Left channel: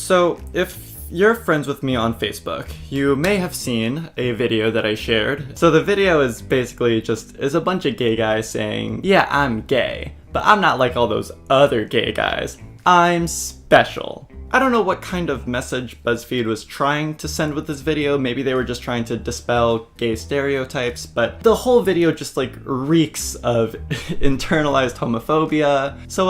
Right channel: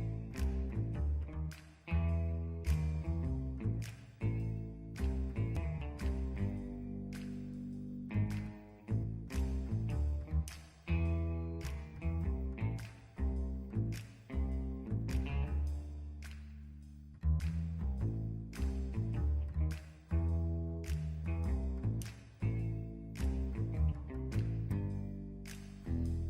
So, if you're friends with me on Facebook, you may have seen a video that I shared. So the video is basically is a bunch of gay guys saying, yeah, I'm gay, but I'm not like all those other gay guys. I'm special. I don't know what kind of message Buzzfeed was trying to send with this video. Maybe they were just trying to dispel gay stereotypes, but the whole video just like reeks of internalized homophobia. So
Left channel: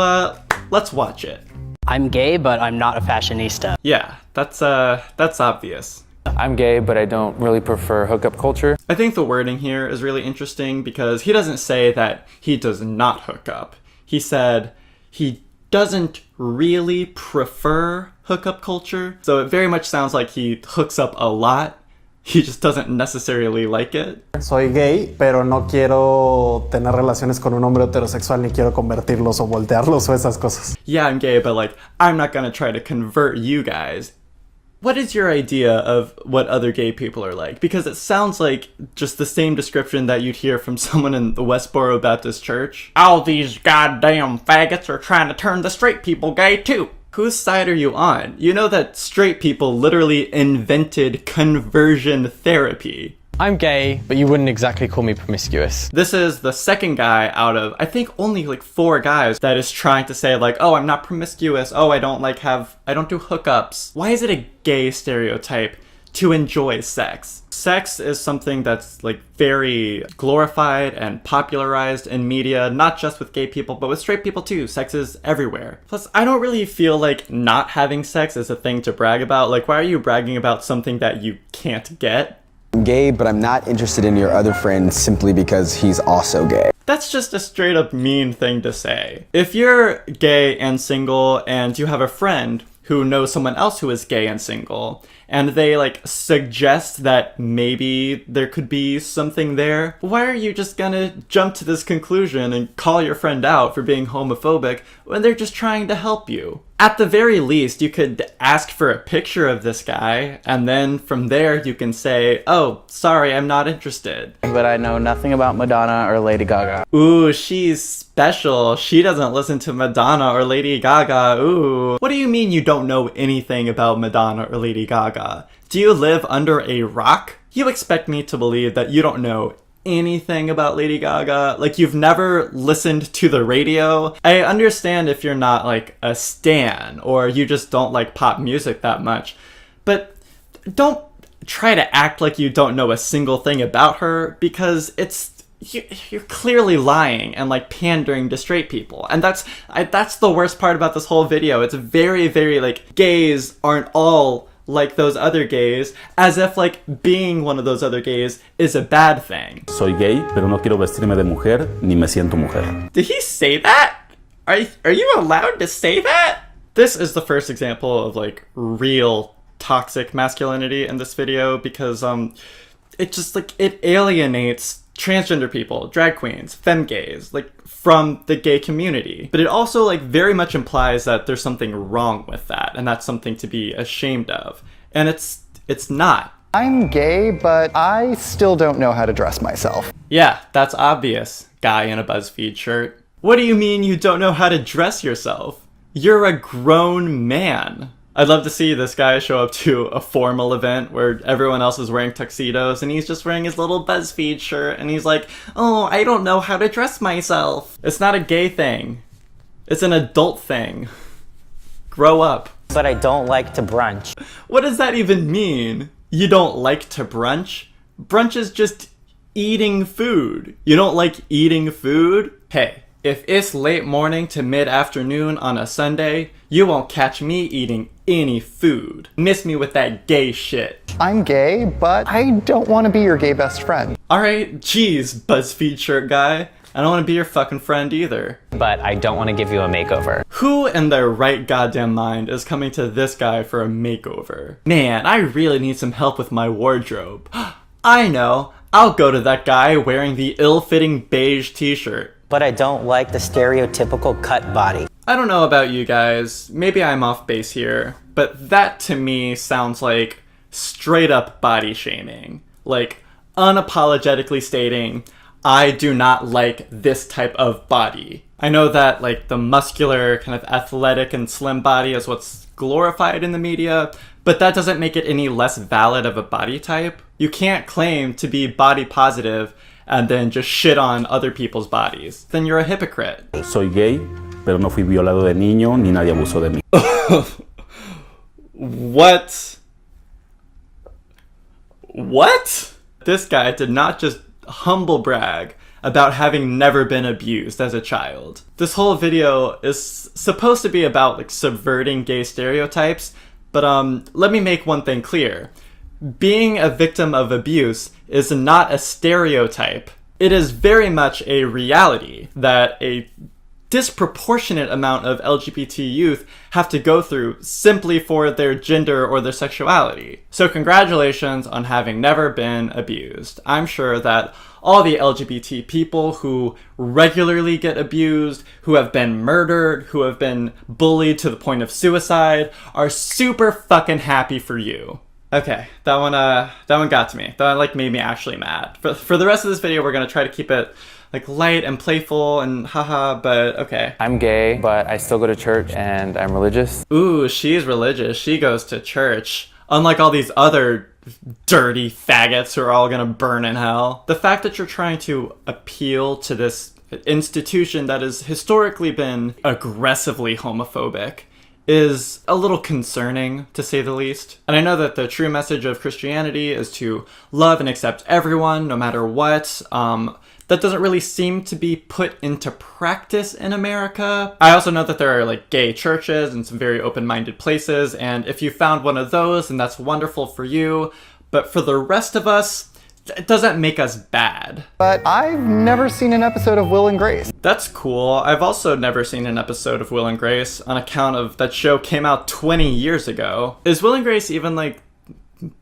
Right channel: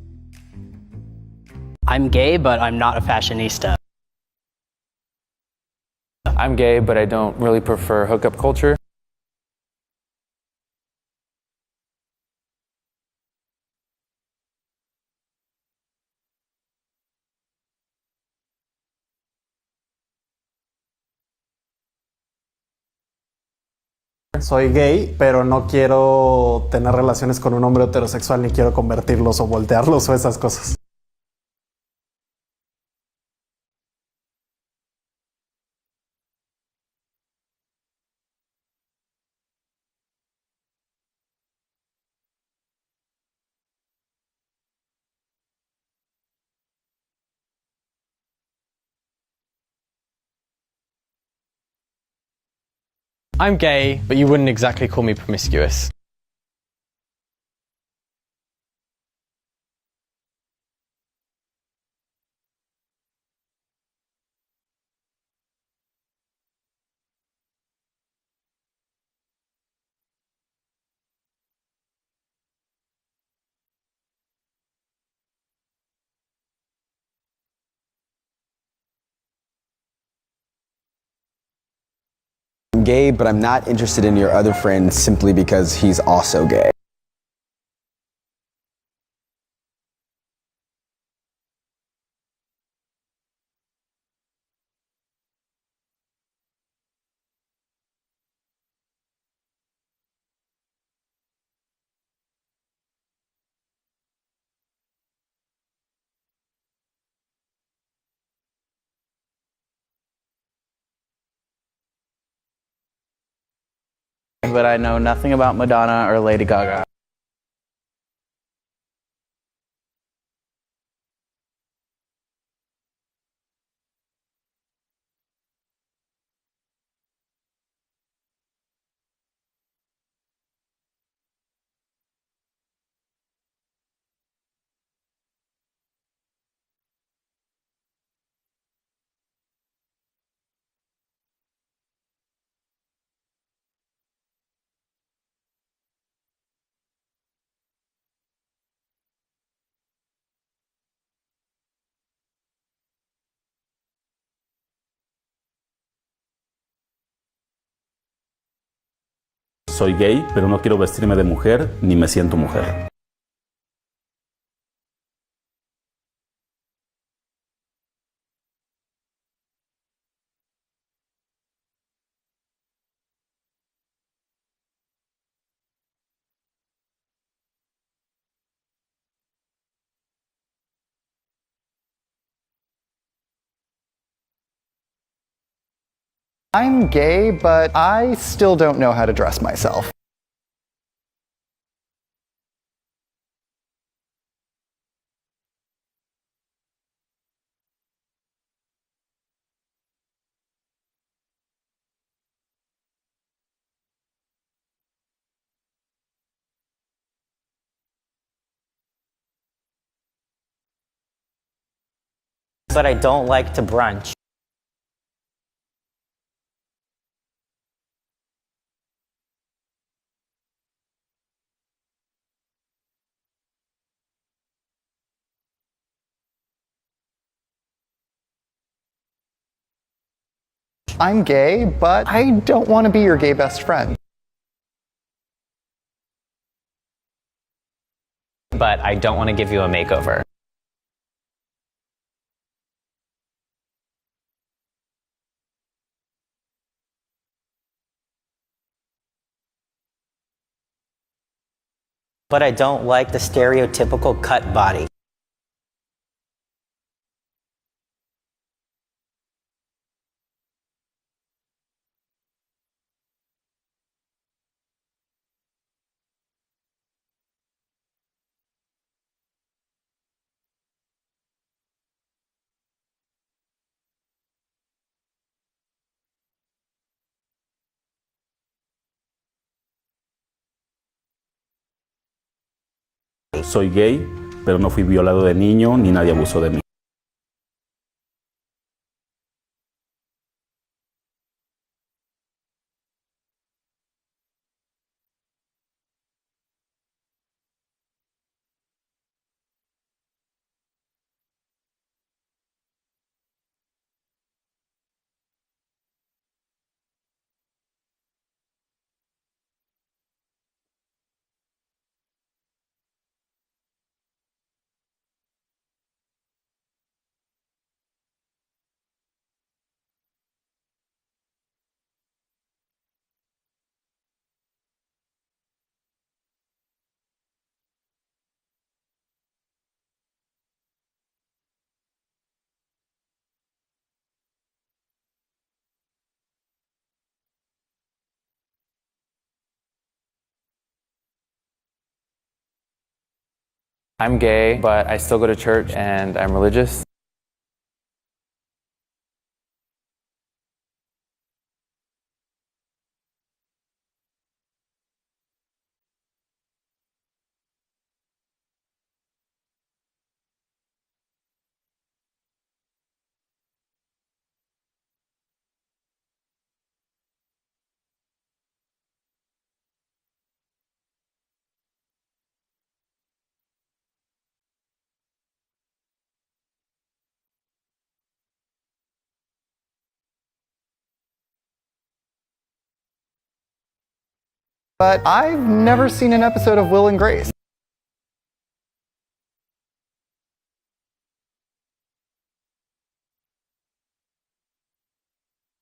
let's watch it. I'm gay, but I'm not a fashionista. Yeah, that's obvious. I'm gay, but I don't really prefer hookup culture. I think the wording here is really interesting because he doesn't say that he does not hook up. He said he doesn't really prefer hookup culture. So it very much sounds like he hooks up a lot. He just doesn't necessarily like it. Soy gay, pero no quiero tener relaciones con un hombre heterosexual ni quiero convertirlos o voltearlos o esas cosas. Yeah, I'm gay, but like, I'm not gonna try to convert you guys. What is your idea of what other gay people are like? Because it sounds like just the same description that you'd hear from someone in the Westboro Baptist Church. All these goddamn faggots are trying to turn the straight people gay too. Whose side are you on? You know that straight people literally invented conversion therapy. I'm gay, but you wouldn't exactly call me promiscuous. This is the second guy out of, I think, only like 4 guys that is trying to say like, oh, I'm not promiscuous. Oh, I don't do hookups. Why is it a gay stereotype to enjoy sex? Sex is something that's like very glorified and popularized in media, not just with gay people, but with straight people too. Sex is everywhere. Plus, I don't really feel like not having sex is a thing to brag about. Like, why are you bragging about something that you can't get? I'm gay, but I'm not interested in your other friend simply because he's also gay. That's just a straight up mean thing to say. If you're gay and single and you have a friend who knows someone else who is gay and single, and they like suggest that maybe there could be something there, why are you just gonna jump to this conclusion and call your friend out for being homophobic when they're just trying to help you? At the very least, you could ask for a picture of this guy, and then from there you can say, oh, sorry, I'm not interested. But I know nothing about Madonna or Lady Gaga. Ooh, she's special. She doesn't listen to Madonna or Lady Gaga. Ooh. What do you mean you don't know anything about Madonna or Lady Gaga? Do you live under a rock? You expect me to believe that you don't know anything about Lady Gaga? Like, you've never listened to the radio? I understand if you're not like a stan or you just don't like pop music that much, but don't try to act like you don't know a single thing about her, because you're clearly lying and like pandering to straight people. And that's the worst part about this whole video. It's very, very like, gays aren't all like those other gays, as if like being one of those other gays is a bad thing. Soy gay, pero no quiero vestirme de mujer, ni me siento mujer. Did he say that? Are you allowed to say that? This is the first example of like real toxic masculinity in this video, because it just like, it alienates transgender people, drag queens, femme gays, like from the gay community. But it also like very much implies that there's something wrong with that, and that's something to be ashamed of. And it's not. I'm gay, but I still don't know how to dress myself. Yeah, that's obvious, guy in a Buzzfeed shirt. What do you mean you don't know how to dress yourself? You're a grown man. I'd love to see this guy show up to a formal event where everyone else is wearing tuxedos and he's just wearing his little Buzzfeed shirt and he's like, oh, I don't know how to dress myself. It's not a gay thing. It's an adult thing. Grow up. But I don't like to brunch. What does that even mean? You don't like to brunch? Brunch is just eating food. You don't like eating food? Hey, if it's late morning to mid-afternoon on a Sunday, you won't catch me eating any food. Miss me with that gay shit. I'm gay, but I don't want to be your gay best friend. Alright, geez, Buzzfeed shirt guy. I don't want to be your fucking friend either. But I don't want to give you a makeover. Who in their right goddamn mind is coming to this guy for a makeover? Man, I really need some help with my wardrobe. I know, I'll go to that guy wearing the ill-fitting beige t-shirt. But I don't like the stereotypical cut body. I don't know about you guys, maybe I'm off base here, but that to me sounds like straight up body shaming. Like, unapologetically stating, I do not like this type of body. I know that like the muscular, kind of athletic and slim body is what's glorified in the media, but that doesn't make it any less valid of a body type. You can't claim to be body positive and then just shit on other people's bodies. Then you're a hypocrite. Soy gay, pero no fui violado de niño ni nadie abusó de mí. What? What? This guy did not just humble brag about having never been abused as a child. This whole video is supposed to be about like subverting gay stereotypes, but let me make one thing clear. Being a victim of abuse is not a stereotype. It is very much a reality that a disproportionate amount of LGBT youth have to go through simply for their gender or their sexuality. So congratulations on having never been abused. I'm sure that all the LGBT people who regularly get abused, who have been murdered, who have been bullied to the point of suicide, are super fucking happy for you. Okay, that one got to me. That like made me actually mad. For the rest of this video, we're gonna try to keep it like light and playful and haha, but okay. I'm gay, but I still go to church and I'm religious. Ooh, she's religious. She goes to church. Unlike all these other dirty faggots who are all gonna burn in hell. The fact that you're trying to appeal to this institution that has historically been aggressively homophobic is a little concerning, to say the least. And I know that the true message of Christianity is to love and accept everyone, no matter what. That doesn't really seem to be put into practice in America. I also know that there are like gay churches and some very open-minded places, and if you found one of those, then that's wonderful for you. But for the rest of us, it doesn't make us bad. But I've never seen an episode of Will and Grace. That's cool. I've also never seen an episode of Will and Grace on account of that show came out 20 years ago. Is Will and Grace even like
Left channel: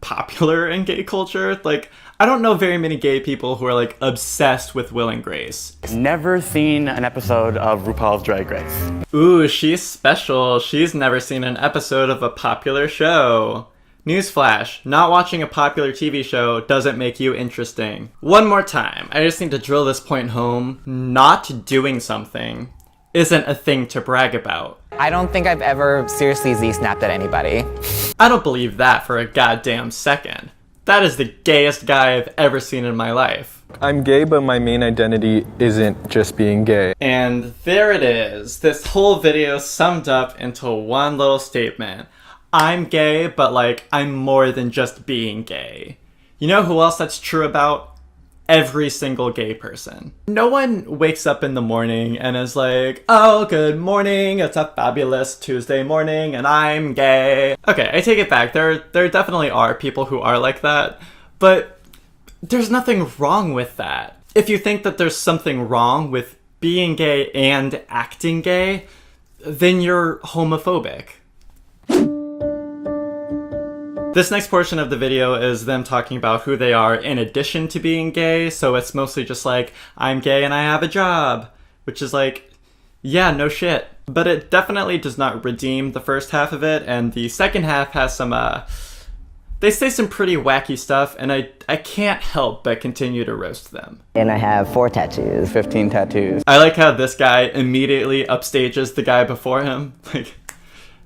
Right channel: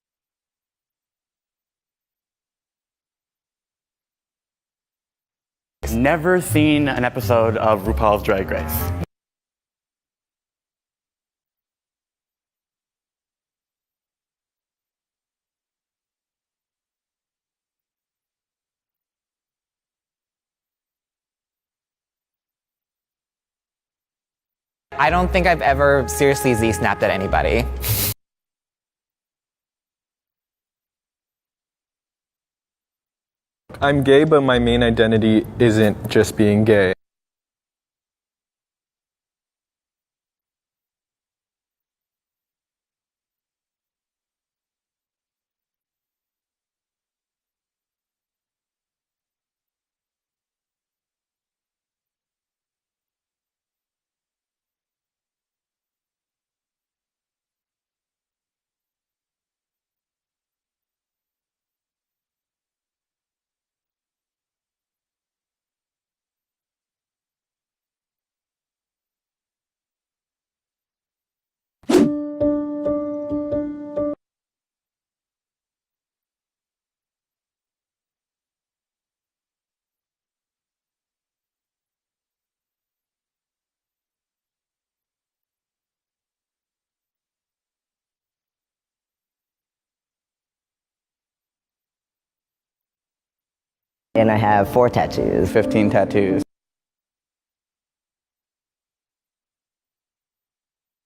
popular in gay culture? Like, I don't know very many gay people who are like obsessed with Will and Grace. Never seen an episode of RuPaul's Drag Race. Ooh, she's special. She's never seen an episode of a popular show. Newsflash, not watching a popular TV show doesn't make you interesting. One more time, I just need to drill this point home. Not doing something isn't a thing to brag about. I don't think I've ever seriously Z-snapped at anybody. I don't believe that for a goddamn second. That is the gayest guy I've ever seen in my life. I'm gay, but my main identity isn't just being gay. And there it is. This whole video summed up into one little statement. I'm gay, but like, I'm more than just being gay. You know who else that's true about? Every single gay person. No one wakes up in the morning and is like, oh, good morning, it's a fabulous Tuesday morning and I'm gay. Okay, I take it back. There definitely are people who are like that, but there's nothing wrong with that. If you think that there's something wrong with being gay and acting gay, then you're homophobic. This next portion of the video is them talking about who they are in addition to being gay, so it's mostly just like, I'm gay and I have a job, which is like, yeah, no shit. But it definitely does not redeem the first half of it, and the second half has some, they say some pretty wacky stuff, and I can't help but continue to roast them. And I have 4 tattoos. 15 tattoos. I like how this guy immediately upstages the guy before him. Like,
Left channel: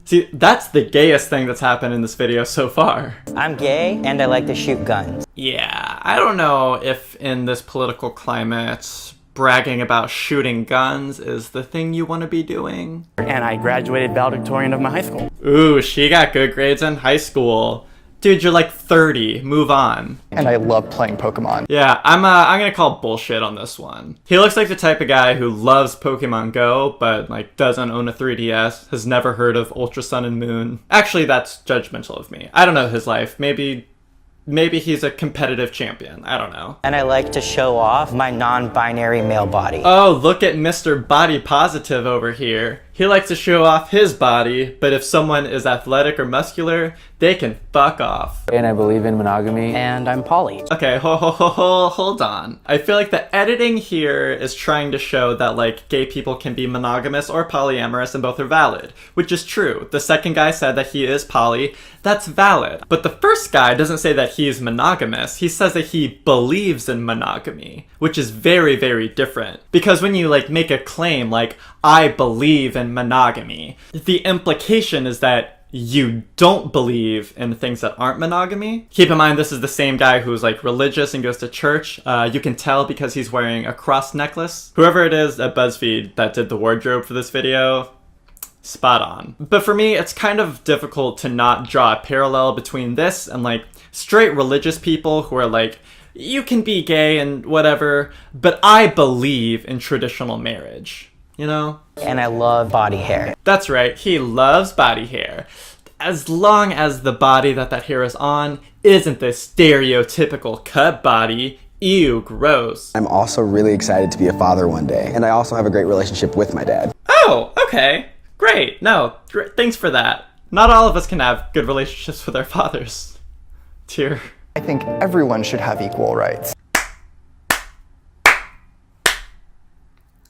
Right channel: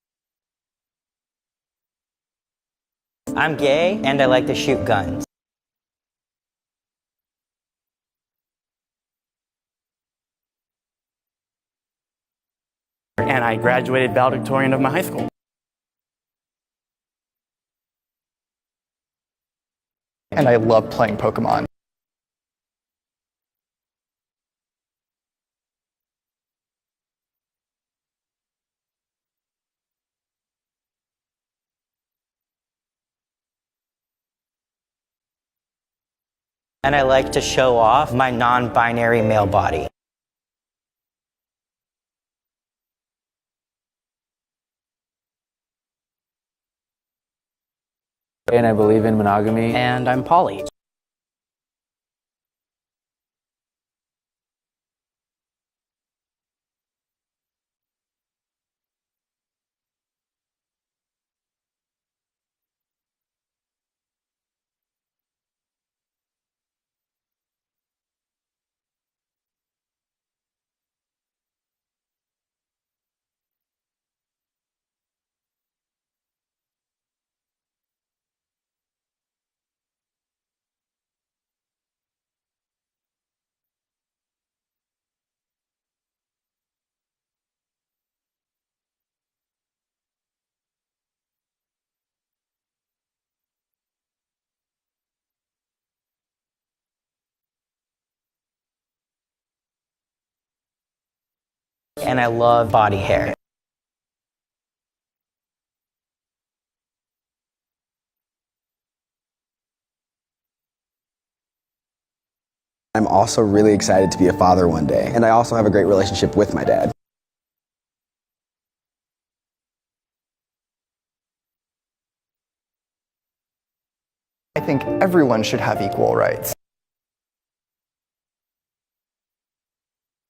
see, that's the gayest thing that's happened in this video so far. I'm gay and I like to shoot guns. Yeah, I don't know if in this political climate, bragging about shooting guns is the thing you want to be doing. And I graduated valedictorian of my high school. Ooh, she got good grades in high school. Dude, you're like 30. Move on. And I love playing Pokemon. Yeah, I'm gonna call bullshit on this one. He looks like the type of guy who loves Pokemon Go, but like doesn't own a 3DS, has never heard of Ultra Sun and Moon. Actually, that's judgmental of me. I don't know his life. Maybe he's a competitive champion. I don't know. And I like to show off my non-binary male body. Oh, look at Mr. Body Positive over here. He likes to show off his body, but if someone is athletic or muscular, they can fuck off. And I believe in monogamy. And I'm poly. Okay, hold on. I feel like the editing here is trying to show that like gay people can be monogamous or polyamorous and both are valid, which is true. The second guy said that he is poly. That's valid. But the first guy doesn't say that he is monogamous. He says that he believes in monogamy, which is very, very different. Because when you like make a claim like, I believe in monogamy, the implication is that you don't believe in things that aren't monogamy. Keep in mind, this is the same guy who's like religious and goes to church. You can tell because he's wearing a cross necklace. Whoever it is at Buzzfeed that did the wardrobe for this video, spot on. But for me, it's kind of difficult to not draw a parallel between this and like straight religious people who are like, you can be gay and whatever, but I believe in traditional marriage, you know? And I love body hair. That's right, he loves body hair. As long as the body that hair is on isn't the stereotypical cut body. Ew, gross. I'm also really excited to be a father one day, and I also have a great relationship with my dad. Oh, okay. Great. No, thanks for that. Not all of us can have good relationships with our fathers. Tear. I think everyone should have equal rights.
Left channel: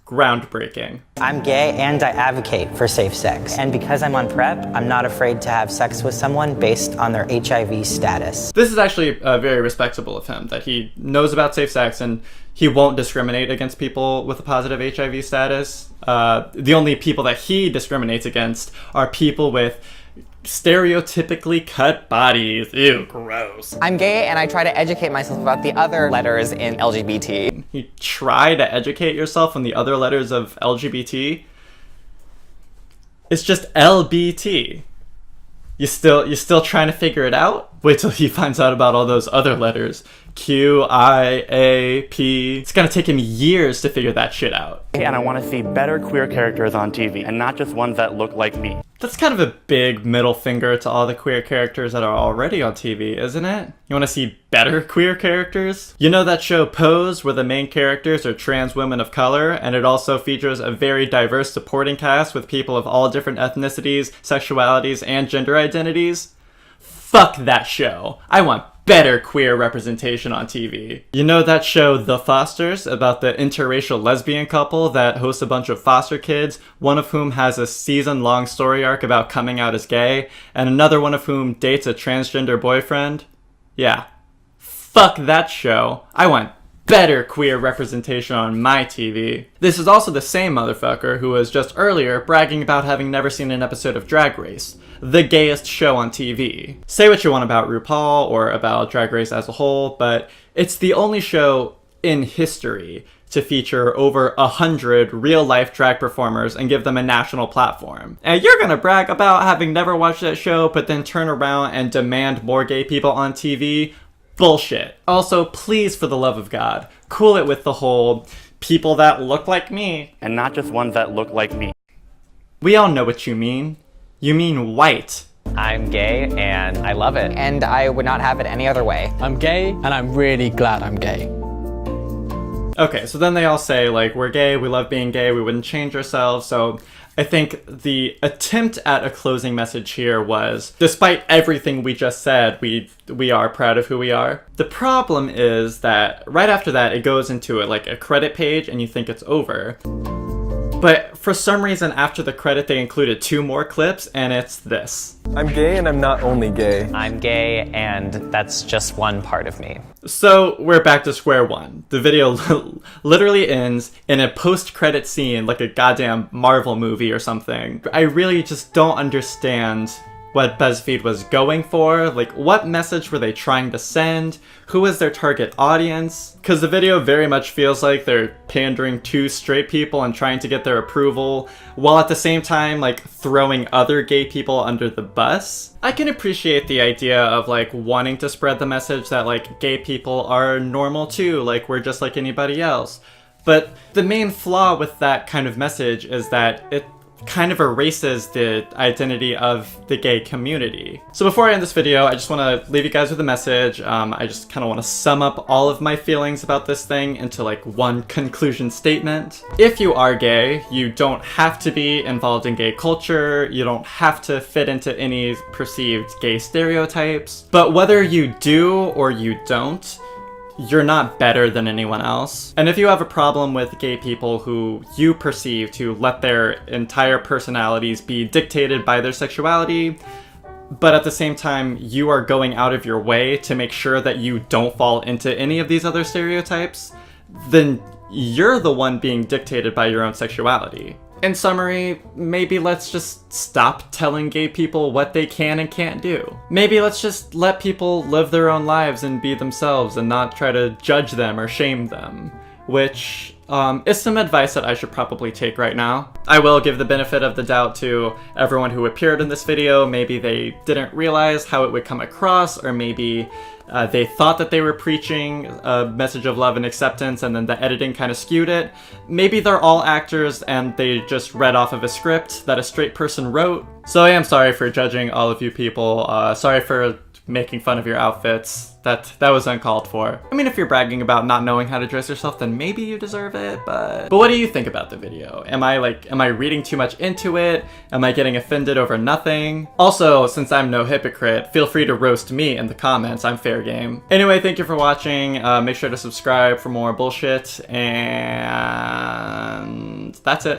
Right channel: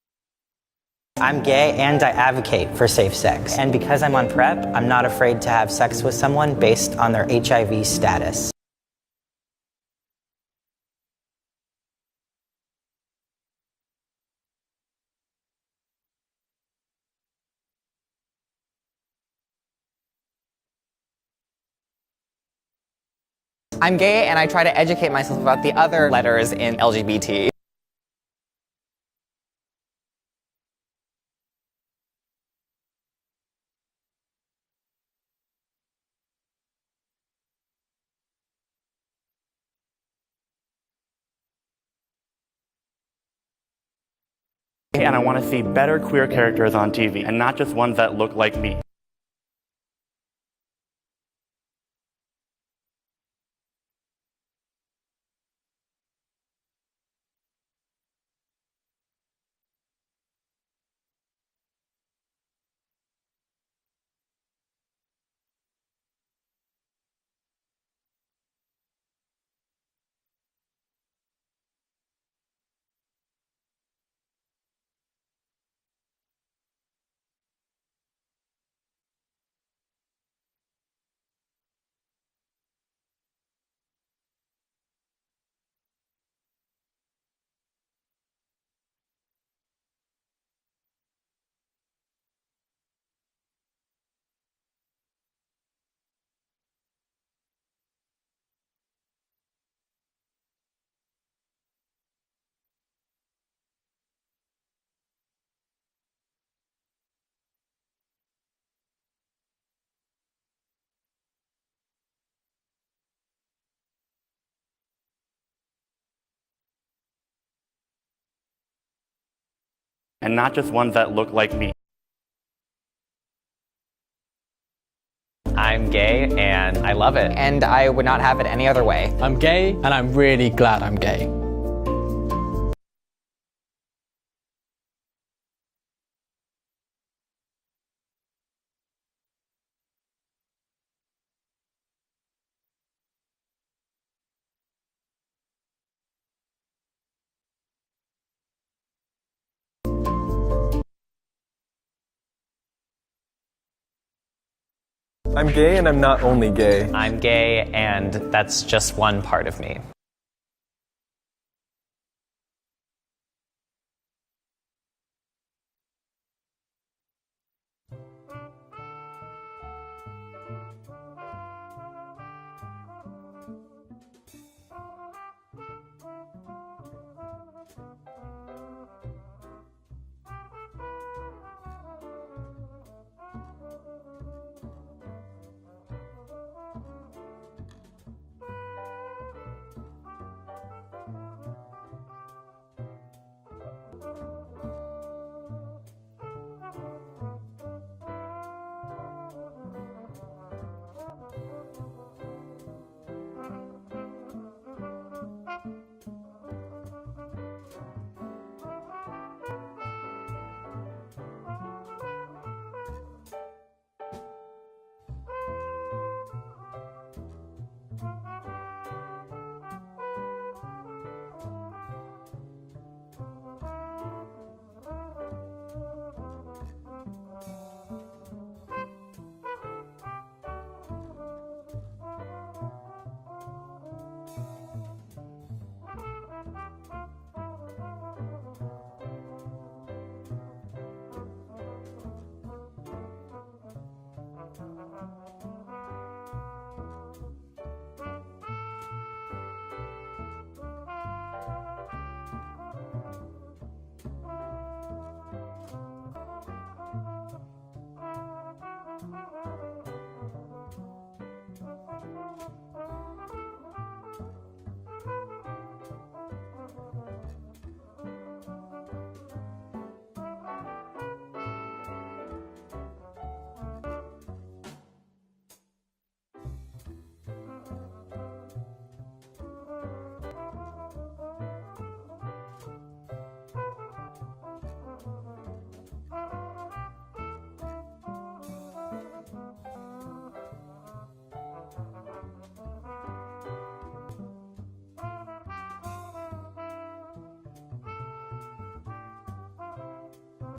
Groundbreaking. I'm gay and I advocate for safe sex. And because I'm on PrEP, I'm not afraid to have sex with someone based on their HIV status. This is actually very respectable of him, that he knows about safe sex and he won't discriminate against people with a positive HIV status. The only people that he discriminates against are people with stereotypically cut bodies. Ew, gross. I'm gay and I try to educate myself about the other letters in LGBT. You try to educate yourself on the other letters of LGBT? It's just LBT. You still trying to figure it out? Wait till he finds out about all those other letters. Q, I, A, P. It's gonna take him years to figure that shit out. And I want to see better queer characters on TV, and not just ones that look like me. That's kind of a big middle finger to all the queer characters that are already on TV, isn't it? You want to see better queer characters? You know that show Pose, where the main characters are trans women of color, and it also features a very diverse supporting cast with people of all different ethnicities, sexualities, and gender identities? Fuck that show. I want better queer representation on TV. You know that show The Fosters, about the interracial lesbian couple that hosts a bunch of foster kids, one of whom has a season-long story arc about coming out as gay, and another one of whom dates a transgender boyfriend? Yeah. Fuck that show. I want better queer representation on my TV. This is also the same motherfucker who was just earlier bragging about having never seen an episode of Drag Race, the gayest show on TV. Say what you want about RuPaul or about Drag Race as a whole, but it's the only show in history to feature over 100 real-life drag performers and give them a national platform. And you're gonna brag about having never watched that show, but then turn around and demand more gay people on TV? Bullshit. Also, please, for the love of God, cool it with the whole people that look like me. And not just ones that look like me. We all know what you mean. You mean white. I'm gay and I love it. And I would not have it any other way. I'm gay and I'm really glad I'm gay. Okay, so then they all say, like, we're gay, we love being gay, we wouldn't change ourselves. So I think the attempt at a closing message here was, despite everything we just said, we are proud of who we are. The problem is that right after that, it goes into like a credit page and you think it's over. But for some reason, after the credit, they included 2 more clips, and it's this. I'm gay and I'm not only gay. I'm gay and that's just one part of me. So we're back to square one. The video literally ends in a post-credit scene like a goddamn Marvel movie or something. I really just don't understand what BuzzFeed was going for. Like, what message were they trying to send? Who was their target audience? Because the video very much feels like they're pandering to straight people and trying to get their approval, while at the same time, like, throwing other gay people under the bus. I can appreciate the idea of, like, wanting to spread the message that, like, gay people are normal too, like, we're just like anybody else. But the main flaw with that kind of message is that it kind of erases the identity of the gay community. So before I end this video, I just want to leave you guys with a message. I just kind of want to sum up all of my feelings about this thing into like one conclusion statement. If you are gay, you don't have to be involved in gay culture, you don't have to fit into any perceived gay stereotypes, but whether you do or you don't, you're not better than anyone else. And if you have a problem with gay people who you perceive to let their entire personalities be dictated by their sexuality, but at the same time you are going out of your way to make sure that you don't fall into any of these other stereotypes, then you're the one being dictated by your own sexuality. In summary, maybe let's just stop telling gay people what they can and can't do. Maybe let's just let people live their own lives and be themselves and not try to judge them or shame them, which is some advice that I should probably take right now. I will give the benefit of the doubt to everyone who appeared in this video. Maybe they didn't realize how it would come across, or maybe they thought that they were preaching a message of love and acceptance and then the editing kind of skewed it. Maybe they're all actors and they just read off of a script that a straight person wrote. So I am sorry for judging all of you people. Sorry for making fun of your outfits. That was uncalled for. I mean, if you're bragging about not knowing how to dress yourself, then maybe you deserve it, but what do you think about the video? Am I reading too much into it? Am I getting offended over nothing? Also, since I'm no hypocrite, feel free to roast me in the comments. I'm fair game. Anyway, thank you for watching. Make sure to subscribe for more bullshit, and that's it.